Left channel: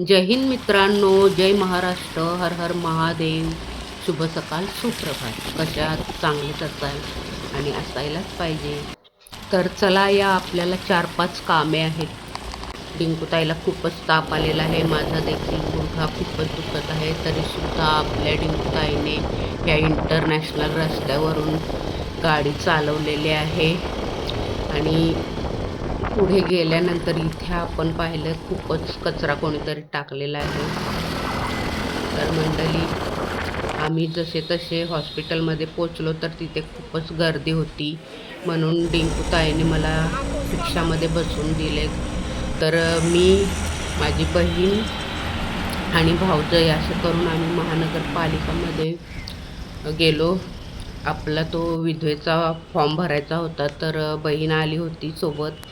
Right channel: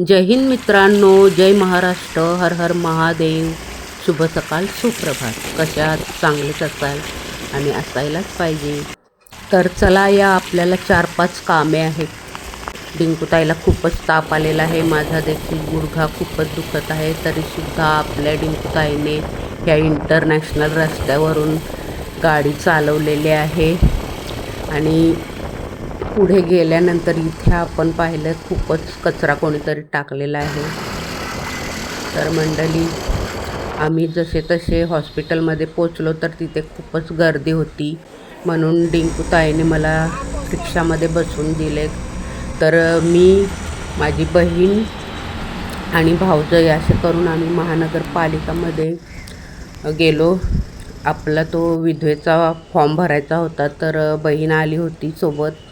जय हिंद मित्रांनो, जय महाराष्ट्र, हर हर महादेव. शुभ सकाळ, सुप्रभात. कशात चांगलेच असाल आणि असायलाच पाहिजे. तर चला, या आपल्याला 4-5 कामे आहेत. डिंकूताईला खूपच ताप आलेला आहे, माझा देखील गुडघा खूपच दुखत आहे. तरीसुद्धा आपल्या डिंकूताईने ह्या इंटरनॅशनल रस्त्यावरून गाडी चालवलेली आहे. आणि पुढे गेल्यानंतर इथे आपण पाहिलं खूपच कचरा कोणीतरी टाकलेला आहे. तर मंडळी, आम्ही जसे तसे हॉस्पिटलमध्ये पोचलो तर तिथे खूपच गर्दी होती, म्हणून डिंकूताईने मला रिक्षामध्ये बसवून दिले. तर मी, माझी बहीण आणि भाऊजाई असं करून आम्ही महानगरपालिकामध्ये गेलो. आपला तो विधवेचा फॉर्म भरायचा होता, तर बहीण आली होती सोबत.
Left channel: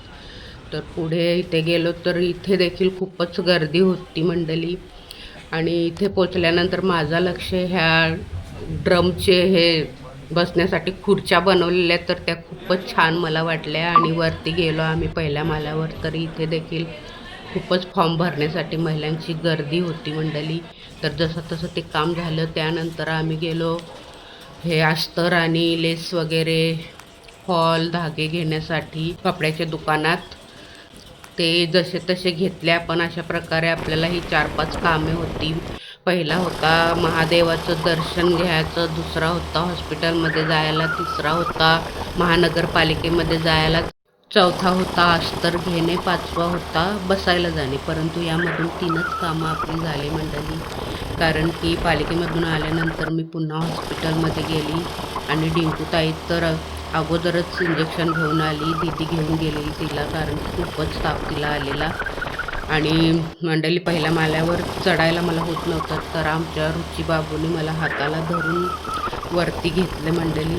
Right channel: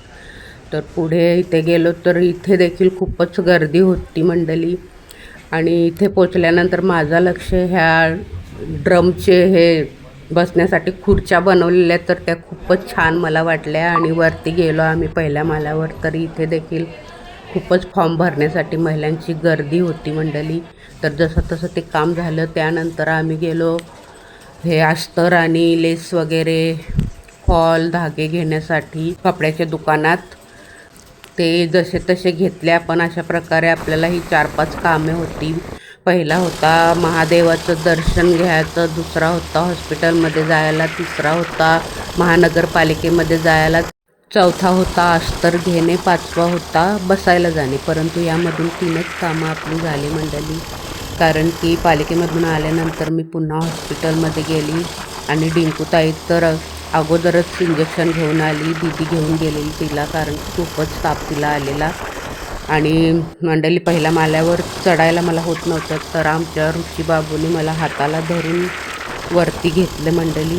तर पुढे इथे गेलो तर इथे देखील खूपच गर्दी होती मंडळी. आणि इथे पोचल्यानंतर माझं लक्ष ह्या ड्रमचे हे बसण्यासाठी खुर्च्या बनवलेल्या, तर त्या खूपच छान मला वाटल्या. आणि वरती गेलो आम्ही पहिल्या माल्यावर, तर इथे देखील खूपच फॉर्म भरण्यासाठी महिलांची गर्दी होती मंडळी. तर जसं तसं ते काम झालं. त्यानंतर आम्ही गेलो हे अस्तर आणि लेस वगैरे, फॉल, धागे घेण्यासाठी कपड्याच्या दुकानात. ते जसे तसे घेतले आपण. अशा प्रकारे आपल्याला ही 4-5 कामे होती. पहिला होता महादेवाचं दर्शन घ्यायचं, दुसरा होता हॉस्पिटलमध्ये जायला, तिसरा होता महानगरपालिकेमध्ये जायला, चौथा होता अस्तर घेणे, पाचवा होता बसायला जाणे. परंतु यामधून 3च कामं आपली झाली मंडळी. कारण की पालिकेमधून आल्यानंतर मी पुन्हा हॉस्पिटलमध्ये गेली आणि डिंकूताई तर अगोदरच इंजेक्शन घेऊन आली. दीदी घेऊन गेलेली तिला, कारण खूपच ताप तिला आलेला. आणि मंडळी, पहिल्या माल्यावर चढायला मला होत नव्हतं, तर आमच्या रुची बाबूने मला हाताला धरून वरती घेतलं मंडळी.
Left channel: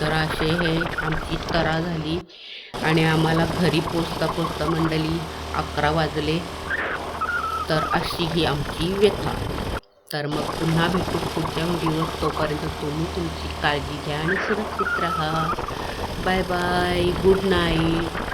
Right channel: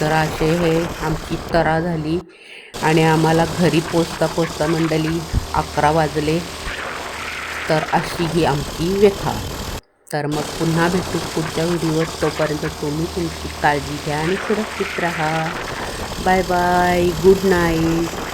तर असे हे आमची तरा झाली आणि आम्हाला घरी पोचता मंडळी 11 वाजले. तर अशी ही आमची व्यथा. तर मग पुन्हा भेटू पुढच्या व्हिडिओवर. तोपर्यंत तुम्ही तुमची काळजी घ्या आणि सुरक्षित राहा. Bye bye, good night.